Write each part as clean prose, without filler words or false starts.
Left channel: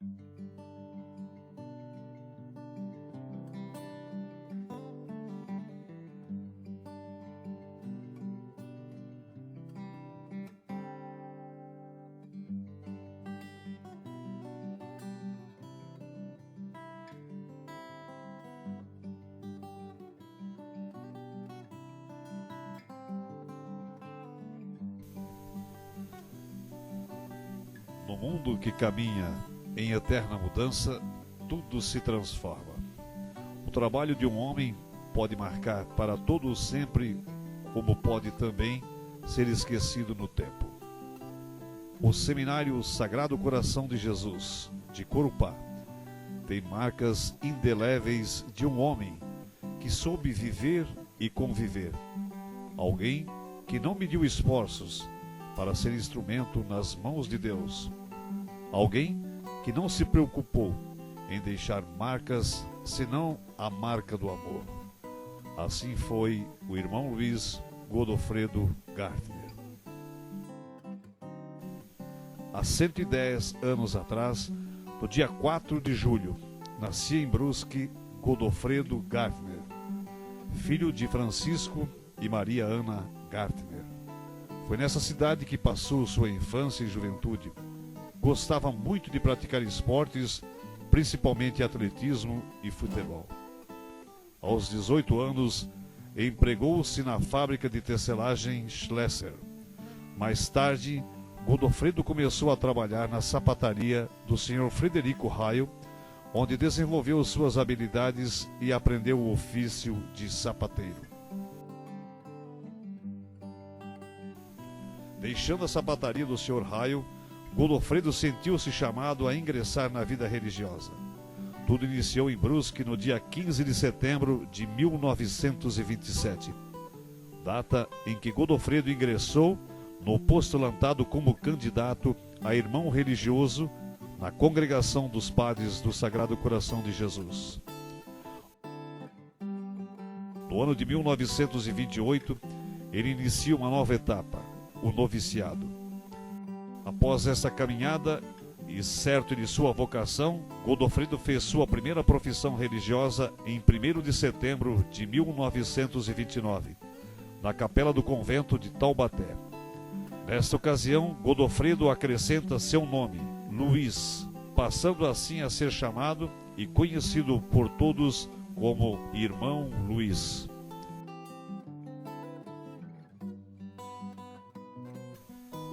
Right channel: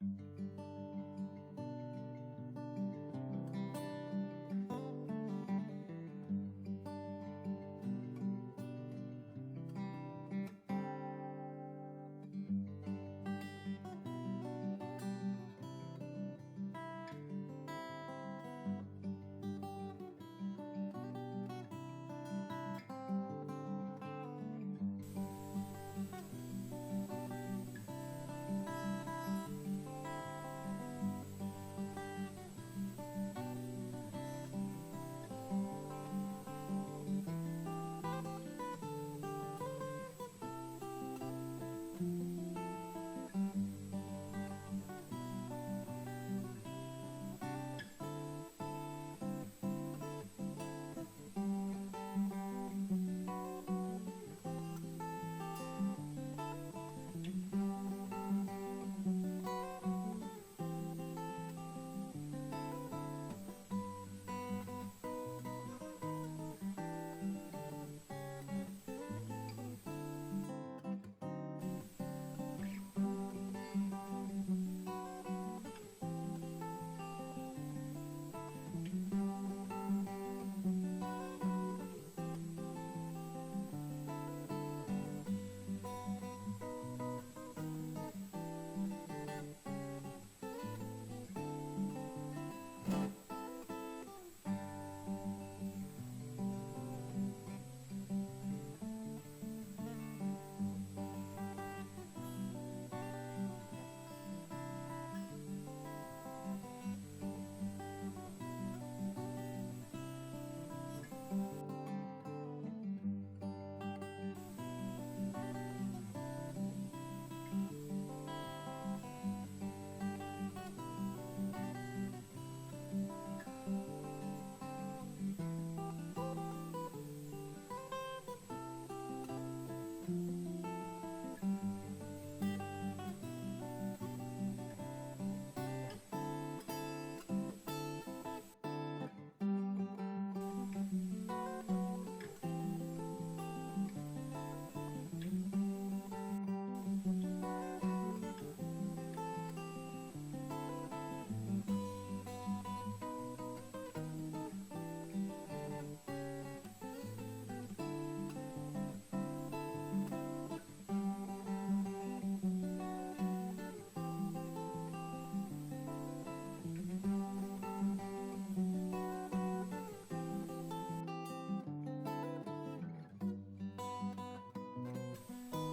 No mundo que caminha em eterna mudança, tudo se transforma. O trabalho de um homem pode marcar para todo o sempre, como pode também ser esquecido no tempo. O Seminário Sagrado Coração de Jesus, de Corupá, tem marcas indeléveis de um homem que soube viver e conviver. Alguém que não mediu esforços para ser instrumento nas mãos de Deus. Alguém que não se preocupou em deixar marcas, senão a marca do amor. Assim foi o irmão Luiz Godofredo Gartner. Há 110 anos atrás, no dia 4 de julho, nascia em Brusque Godofredo Gartner, filho de Francisco e Maria Ana Gartner. Foi nessa cidade que passou sua infância e juventude. Gostava muito de praticar esportes, principalmente atletismo e futebol. Aos 18 anos, empregou-se na fábrica de tecelagem Schlesser. Mais tarde, Godofredo começou a trabalhar na sapataria do Sr. Frederico Raio, onde desenvolveu suas habilidades e aprendeu o ofício de sapateiro. Deixando a sapataria do Sr. Raio, Godofredo sentiu-se chamado a ingressar na vida religiosa. Tudo iniciou em Brusque no dia 15 de setembro de 1927, data em que Godofredo ingressou no postulantado como candidato a irmão religioso na Congregação dos Padres do Sagrado Coração de Jesus. No ano de 1928, ele inicia uma nova etapa, o noviciado. Após essa caminhada, e certo de sua vocação, Godofredo fez sua primeira profissão religiosa em 1º de setembro de 1929, na capela do convento de Taubaté. Nesta ocasião, Godofredo acrescenta seu nome, Luiz, passando assim a ser chamado e conhecido por todos como Irmão Luiz.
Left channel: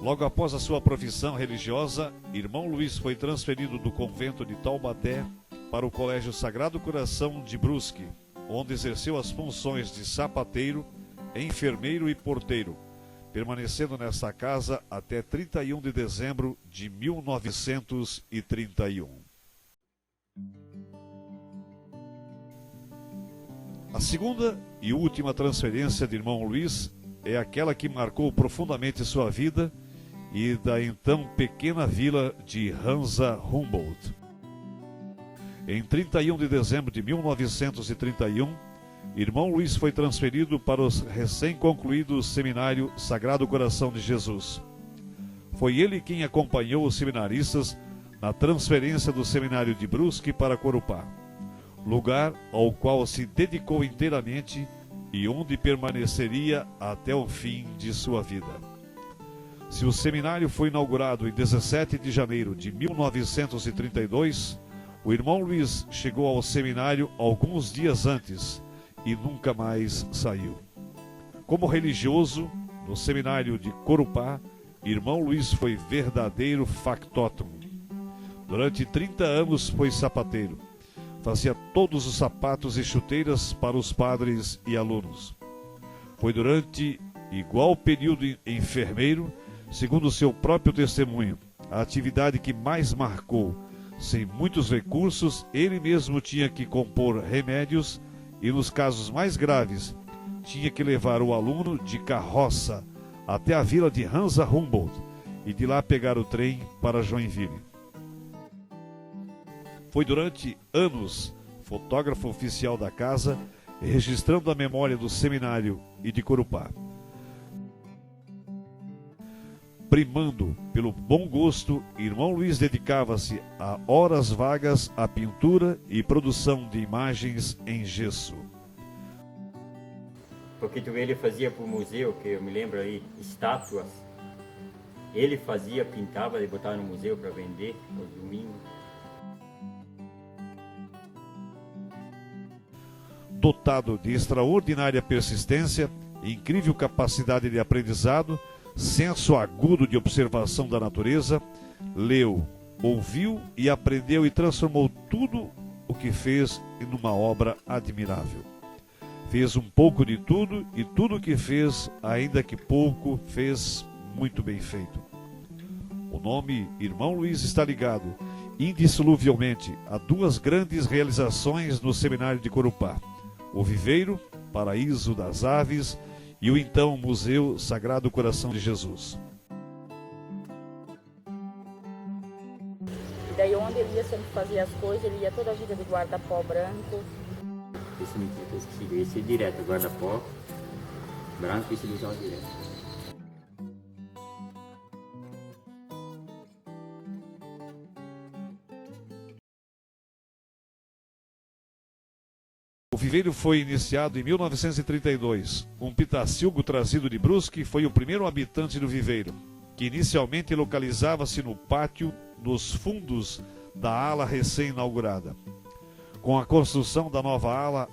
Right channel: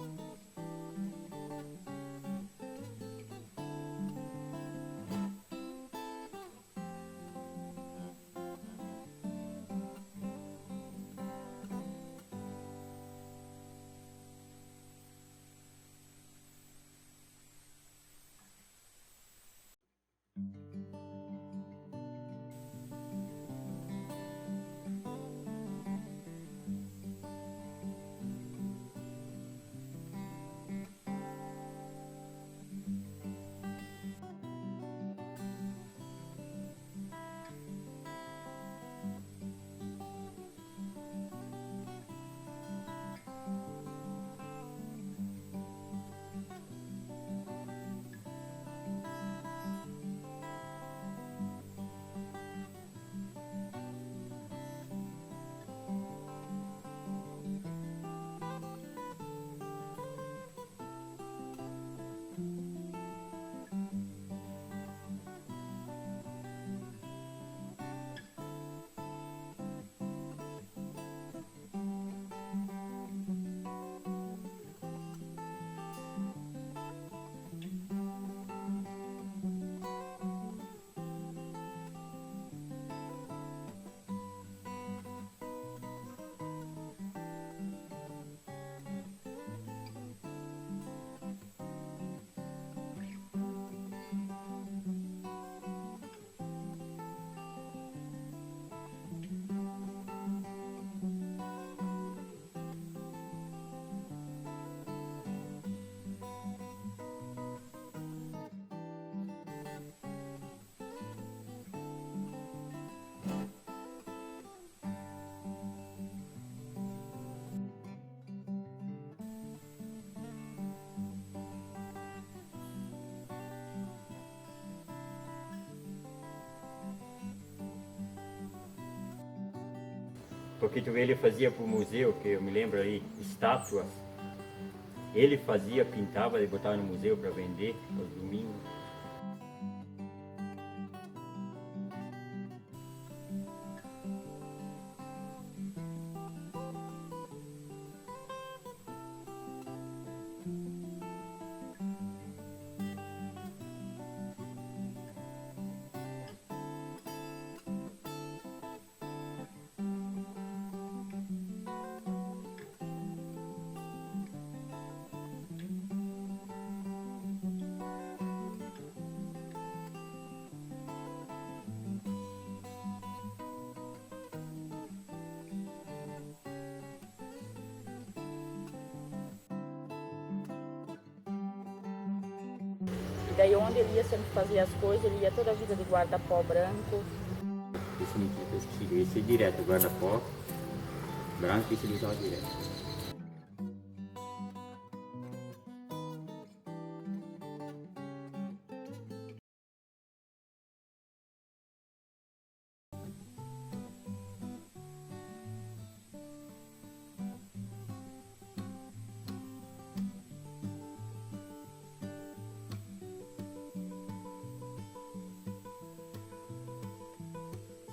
Logo após a sua profissão religiosa, Irmão Luiz foi transferido do convento de Taubaté para o Colégio Sagrado Coração de Brusque, onde exerceu as funções de sapateiro, enfermeiro e porteiro, permanecendo nessa casa até 31 de dezembro de 1931. A segunda e última transferência de Irmão Luiz é aquela que marcou profundamente sua vida e da então pequena vila de Hansa Humboldt. Em 31 de dezembro de 1931, Irmão Luiz foi transferido para o recém-concluído Seminário Sagrado Coração de Jesus. Foi ele quem acompanhou os seminaristas na transferência do Seminário de Brusque para Corupá, lugar ao qual se dedicou inteiramente e onde permaneceria até o fim de sua vida. Se o seminário foi inaugurado em 17 de janeiro de 1932, o Irmão Luiz chegou ao seminário alguns dias antes e nunca mais saiu. Como religioso, no seminário de Corupá, Irmão Luiz foi verdadeiro factótum. Durante 30 anos foi sapateiro. Fazia todos os sapatos e chuteiras para os padres e alunos. Foi durante igual período enfermeiro, segundo seu próprio testemunho, a atividade que mais marcou. Sem muitos recursos, ele mesmo tinha que compor remédios e, nos casos mais graves, tinha que levar o aluno de carroça até a vila de Hansa Humboldt e de lá pegar o trem para Joinville. Foi durante anos fotógrafo oficial da casa, registrando a memória do seminário e de Corupá. primando pelo bom gosto, irmão Luiz dedicava-se a horas vagas à pintura e produção de imagens em gesso. Porque tu vê, ele fazia para o museu, que eu me lembro aí, estátuas. Ele fazia, pintava e botava no museu para vender aos domingos. Dotado de extraordinária persistência, incrível capacidade de aprendizado, senso agudo de observação da natureza, leu, ouviu e aprendeu e transformou tudo o que fez em uma obra admirável. Fez um pouco de tudo e tudo o que fez, ainda que pouco, fez muito bem feito. O nome Irmão Luiz está ligado indissoluvelmente a duas grandes realizações no Seminário de Corupá: o Viveiro, Paraíso das Aves, e o então Museu Sagrado Coração de Jesus. E daí onde ele ia sempre fazer as coisas, ele ia toda a vida de guarda-pó branco. Esse mentira, esse direto, guarda-pó branco, esse ele usava direto. O viveiro foi iniciado em 1932. Um pitacilgo trazido de Brusque foi o primeiro habitante do viveiro, que inicialmente localizava-se no pátio nos fundos da ala recém-inaugurada. Com a construção da nova ala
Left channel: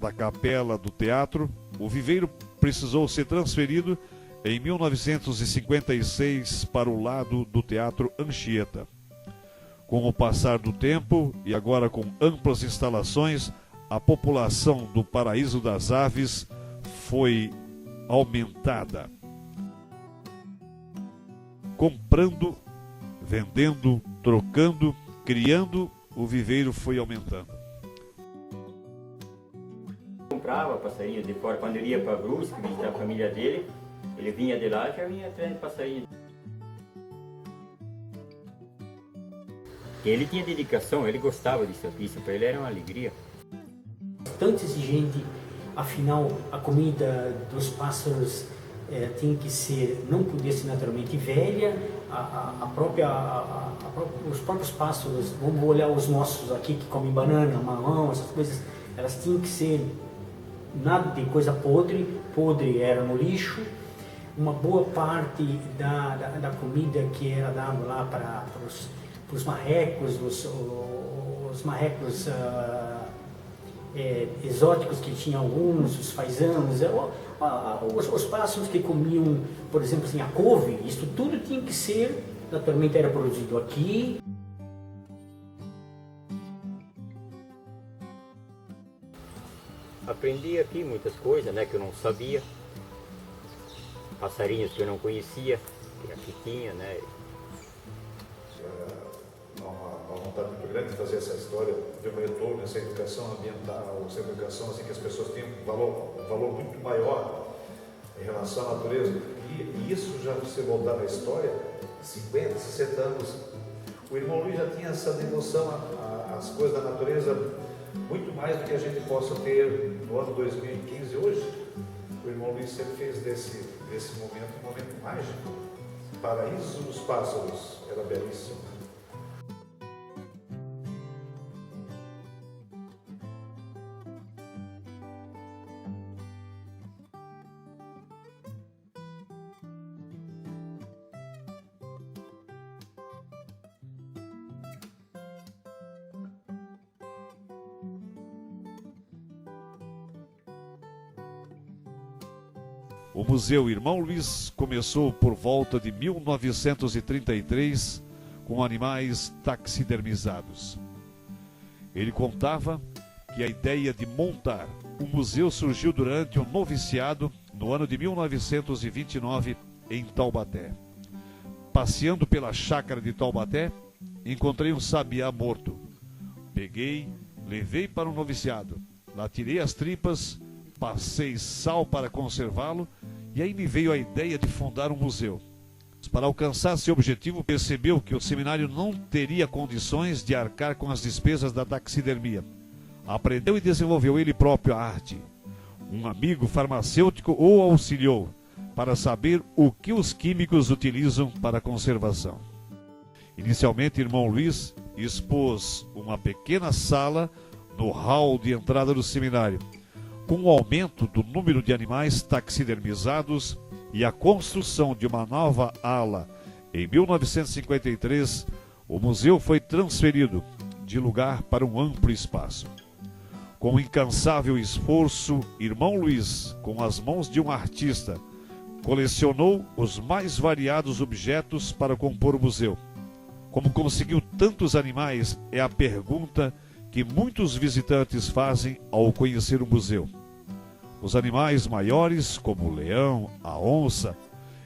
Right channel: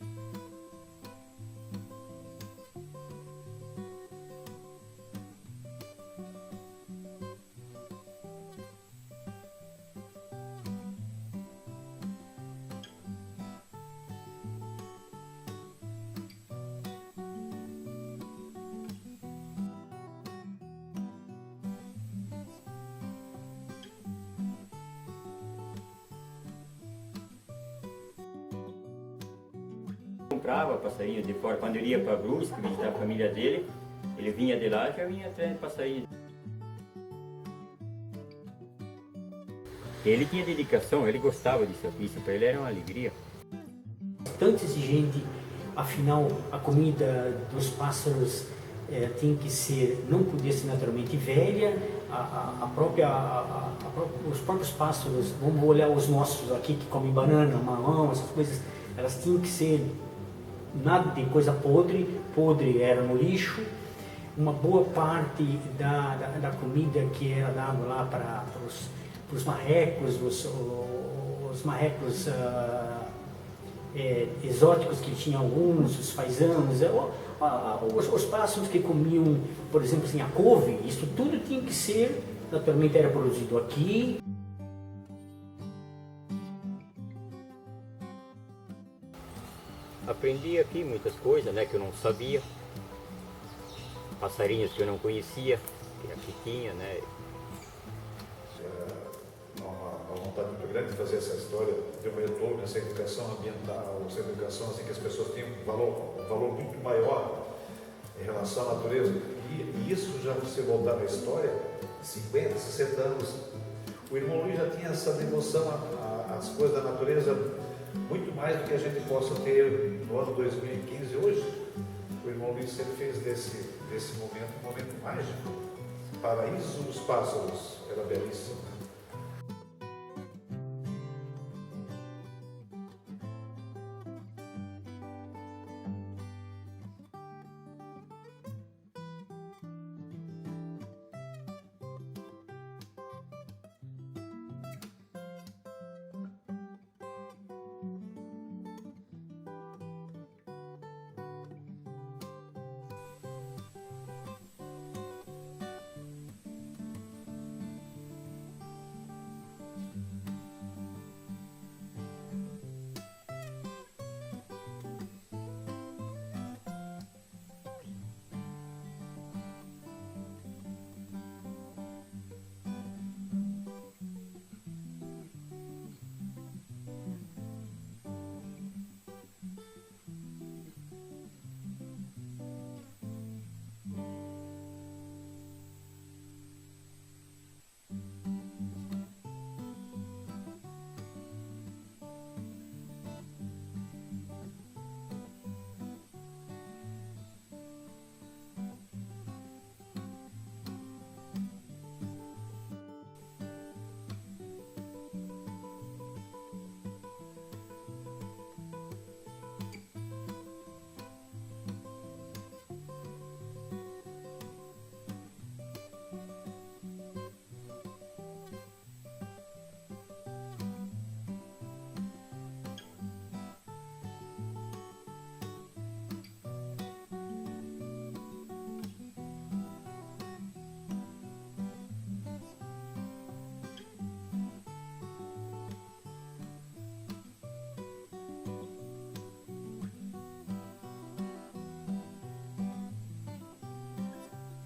da capela do teatro, o viveiro precisou ser transferido em 1956 para o lado do Teatro Anchieta. Com o passar do tempo e agora com amplas instalações, a população do Paraíso das Aves foi aumentada. Comprando, vendendo, trocando, criando, o viveiro foi aumentando. Comprava passarinho de fora. Quando ele ia para Brusque visitar a família dele, ele vinha de lá e já vinha atrás de passarinho. Ele tinha dedicação, ele gostava disso aqui, isso para ele era uma alegria. Bastante exigente, afinal a comida dos pássaros tem que ser, não podia ser naturalmente velha, os próprios pássaros, vamos olhar os nossos aqui que comem banana, mamão, essas coisas, elas tinham que ser nada de coisa podre era no lixo. Uma boa parte da comida que era dada lá para os marrecos, os marrecos exóticos que tinham alguns, os faisãos, os pássaros que comiam, por exemplo, assim, a couve, isso tudo tinha que ser, naturalmente era produzido aqui. Aprendi aqui muitas coisas, né, que eu não sabia, passarinhos que eu não conhecia, que aqui tinha, né. Uma vontade muito grande de fazer essa história de um retorno, essa educação ambiental, essa educação assim, que as pessoas tenham um valor muito maior em relação à natureza. E isso já, se voltar na história, 50, 60 anos, o irmão Luiz já tinha essa devoção às coisas da natureza muito mais do que a gente possa ter no ano 2015 hoje. O irmão Luiz sempre fez desse momento um momento mágico. Paraíso dos Pássaros era belíssimo. O Museu Irmão Luiz começou por volta de 1933 com animais taxidermizados. Ele contava que a ideia de montar o museu surgiu durante um noviciado no ano de 1929 em Taubaté. Passeando pela chácara de Taubaté, encontrei um sabiá morto. Peguei, levei para o noviciado, lá tirei as tripas, passei sal para conservá-lo e aí me veio a ideia de fundar um museu. Para alcançar seu objetivo, percebeu que o seminário não teria condições de arcar com as despesas da taxidermia. Aprendeu e desenvolveu ele próprio a arte. Um amigo farmacêutico o auxiliou. para saber o que os químicos utilizam para a conservação. Inicialmente, irmão Luiz expôs uma pequena sala no hall de entrada do seminário. Com o aumento do número de animais taxidermizados e a construção de uma nova ala em 1953, o museu foi transferido de lugar para um amplo espaço. Com incansável esforço, irmão Luiz, com as mãos de um artista, colecionou os mais variados objetos para compor o museu. Como conseguiu tantos animais é a pergunta que muitos visitantes fazem ao conhecer o museu. Os animais maiores, como o leão, a onça,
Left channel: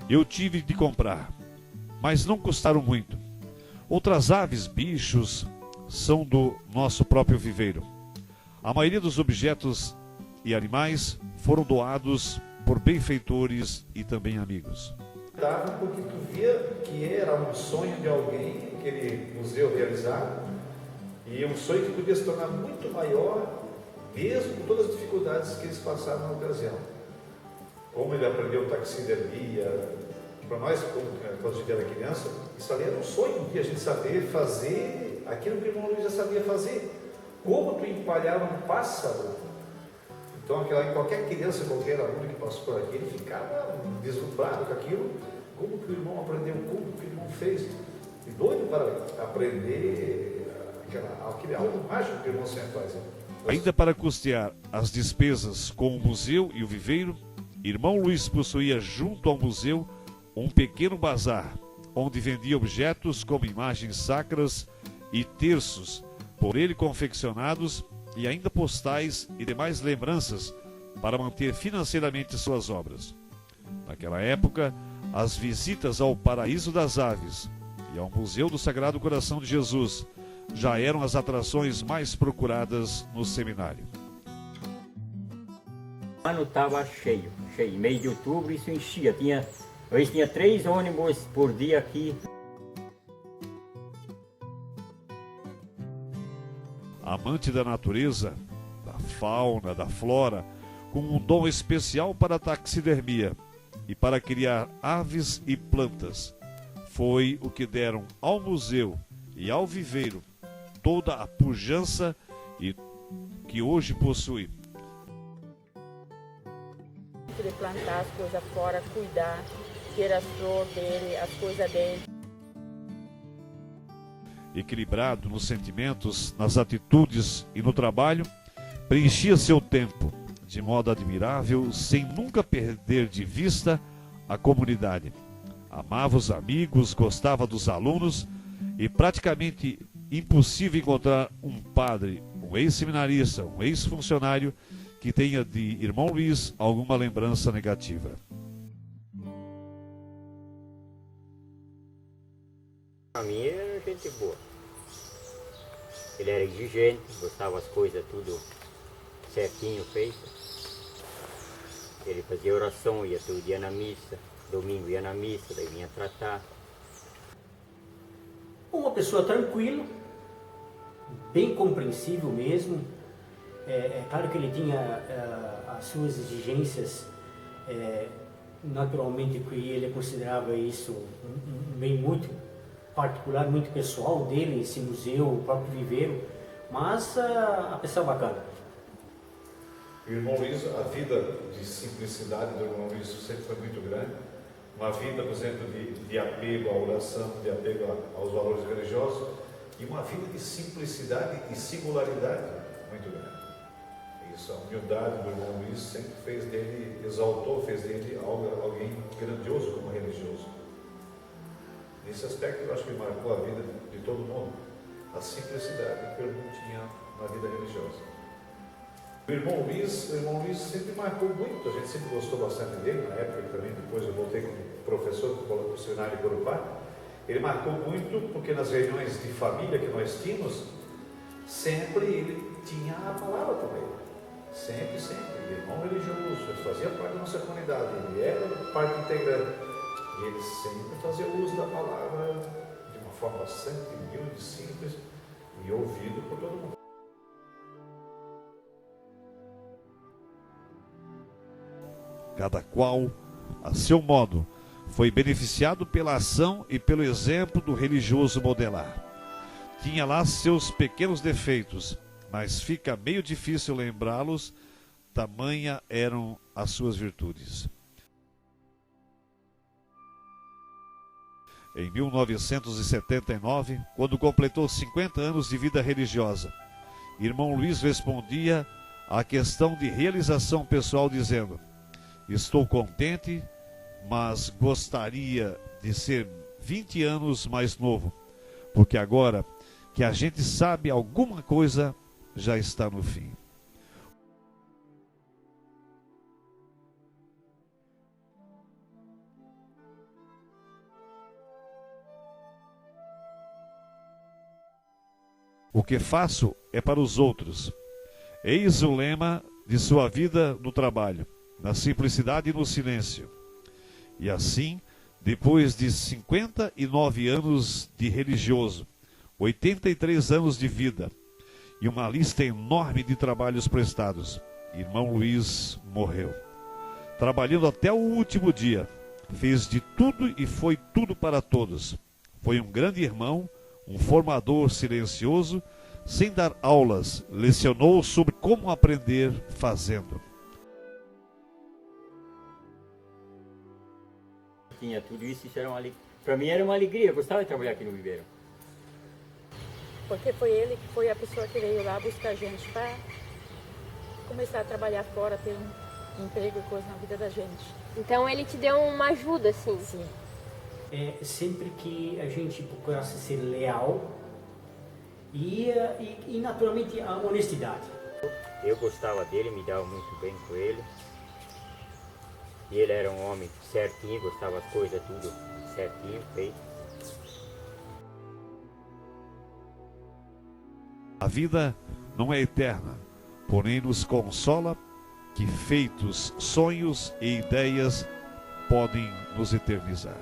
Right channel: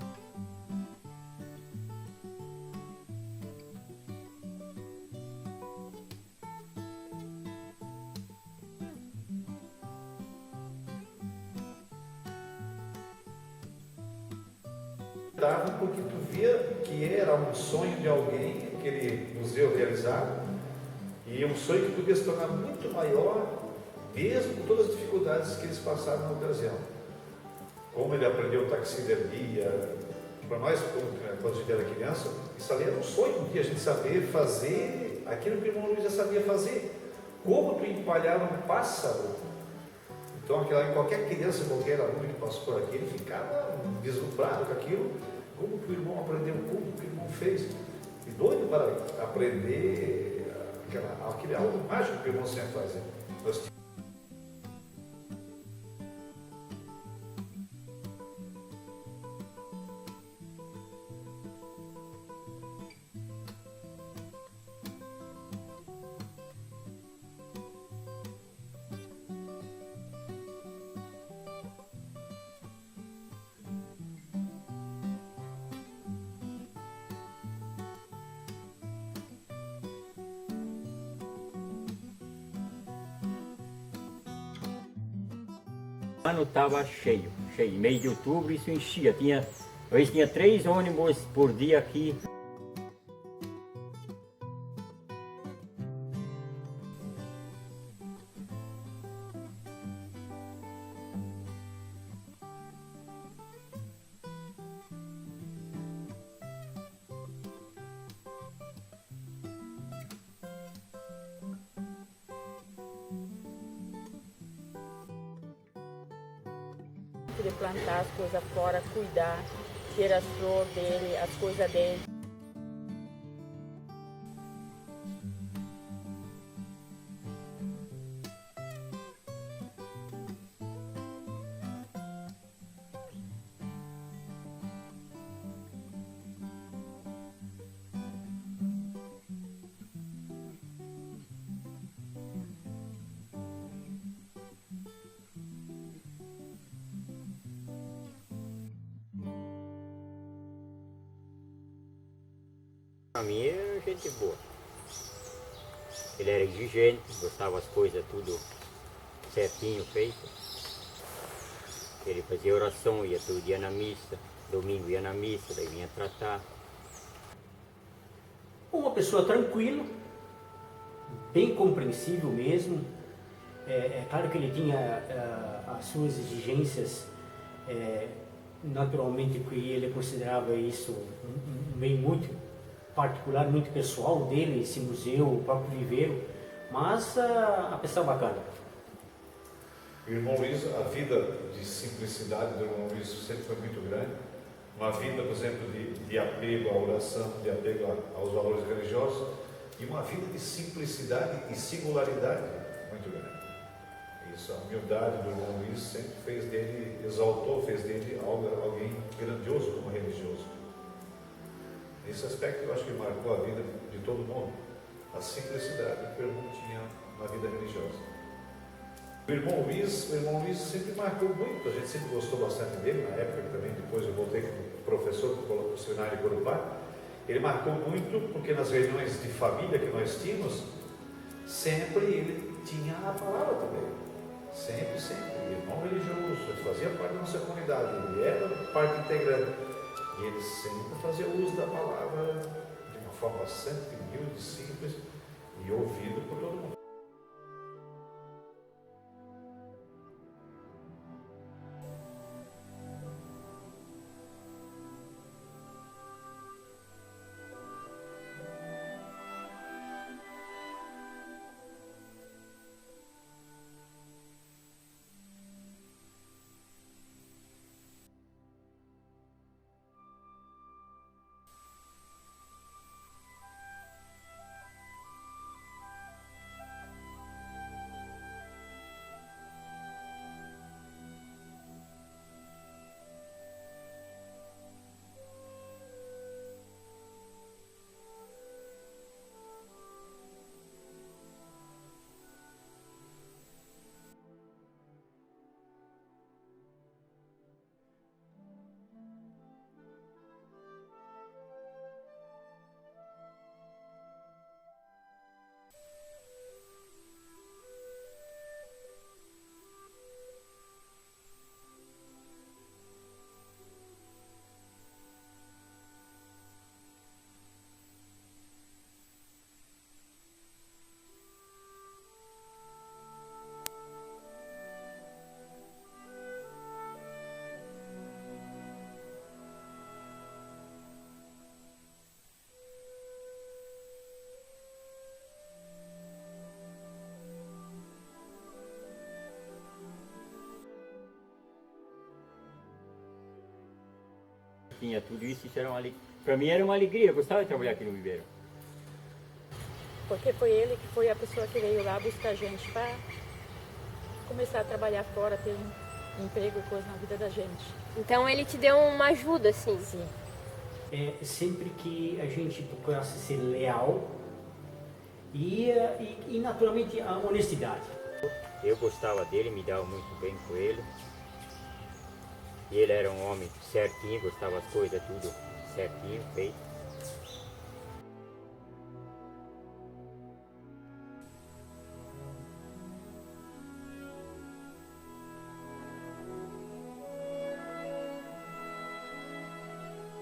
eu tive de comprar, mas não custaram muito. Outras aves, bichos, são do nosso próprio viveiro. A maioria dos objetos e animais foram doados por benfeitores e também amigos. Porque tu via que era um sonho de alguém, aquele museu realizado, e um sonho que podia se tornar muito maior, mesmo com todas as dificuldades que eles passaram na ocasião. Como ele aprendeu taxidermia, para nós, quando a gente era criança, isso ali era um sonho de a gente saber fazer aquilo que o irmão Luiz já sabia fazer. Como tu empalhar um pássaro. Então, qualquer criança, qualquer aluno que passou por aqui, ele ficava deslumbrado com aquilo. Como que o irmão aprendeu, como que o irmão fez. E doido para aprender aquele algo mágico que o irmão sempre faz. Ainda para custear as despesas com o museu e o viveiro, irmão Luiz possuía junto ao museu um pequeno bazar, onde vendia objetos como imagens sacras e terços, por ele confeccionados, e ainda postais e demais lembranças para manter financeiramente suas obras. Naquela época, as visitas ao Paraíso das Aves e ao Museu do Sagrado Coração de Jesus já eram as atrações mais procuradas no seminário. O ano estava cheio. Em mês de outubro isso enchia. Às vezes tinha 3 ônibus por dia aqui. Amante da natureza, da fauna, da flora, com um dom especial para a taxidermia e para criar aves e plantas, foi o que deram ao museu e ao viveiro toda a pujança que hoje possui. De plantar as coisas fora, cuidar, ter as flores dele, as coisas dele. Equilibrado nos sentimentos, nas atitudes e no trabalho, preenchia seu tempo de modo admirável, sem nunca perder de vista a comunidade. Amava os amigos, gostava dos alunos e praticamente impossível encontrar um padre, um ex-seminarista, um ex-funcionário que tenha de irmão Luiz alguma lembrança negativa. Para mim era gente boa. Ele era exigente, gostava das coisas tudo certinho feito. Ele fazia oração, ia todo dia na missa, domingo ia na missa, daí vinha tratar. Uma pessoa tranquila, bem compreensível mesmo. É claro que ele tinha as suas exigências, naturalmente que ele considerava isso um bem muito particular, muito pessoal dele, esse museu, o próprio viveiro, mas a pessoa bacana. O irmão Luiz, a vida de simplicidade do irmão Luiz sempre foi muito grande. Uma vida, por exemplo, de apego à oração, de apego aos valores religiosos, e uma vida de simplicidade e singularidade muito grande. Isso, a humildade do irmão Luiz sempre fez dele, exaltou, fez dele alguém grandioso como religioso. Nesse aspecto eu acho que marcou a vida de todo mundo, a simplicidade que o irmão tinha na vida religiosa. O irmão Luiz sempre marcou muito, a gente sempre gostou bastante dele, na época que também depois eu voltei como professor para o seminário de Corupá. Ele marcou muito porque nas reuniões de família que nós tínhamos, sempre ele tinha a palavra também. Sempre. Irmão religioso, ele fazia parte da nossa comunidade, ele era parte integrante. E ele sempre fazia uso da palavra de uma forma bastante humilde, simples e ouvido por todo mundo. Cada qual a seu modo, foi beneficiado pela ação e pelo exemplo do religioso modelar. Tinha lá seus pequenos defeitos, mas fica meio difícil lembrá-los, tamanha eram as suas virtudes. Em 1979, quando completou 50 anos de vida religiosa, irmão Luiz respondia à questão de realização pessoal dizendo: estou contente, mas gostaria de ser 20 anos mais novo, porque agora que a gente sabe alguma coisa, já está no fim. O que faço é para os outros. Eis o lema de sua vida no trabalho, na simplicidade e no silêncio. E assim, depois de 59 anos de religioso, 83 anos de vida e uma lista enorme de trabalhos prestados, irmão Luiz morreu. Trabalhando até o último dia, fez de tudo e foi tudo para todos. Foi um grande irmão, um formador silencioso, sem dar aulas, lecionou sobre como aprender fazendo. Tinha tudo isso, isso era uma alegria. Para mim era uma alegria, eu gostava de trabalhar aqui no viveiro. Porque foi ele que foi a pessoa que veio lá buscar a gente para começar a trabalhar fora, ter um emprego e coisa na vida da gente. Então ele te deu uma ajuda, assim? Sim. Sempre que a gente procurasse ser leal e naturalmente a honestidade. Eu gostava dele, me dava muito bem com ele. E ele era um homem certinho, gostava das coisas tudo certinho, feito. A vida não é eterna, porém nos consola que feitos sonhos e ideias podem nos eternizar.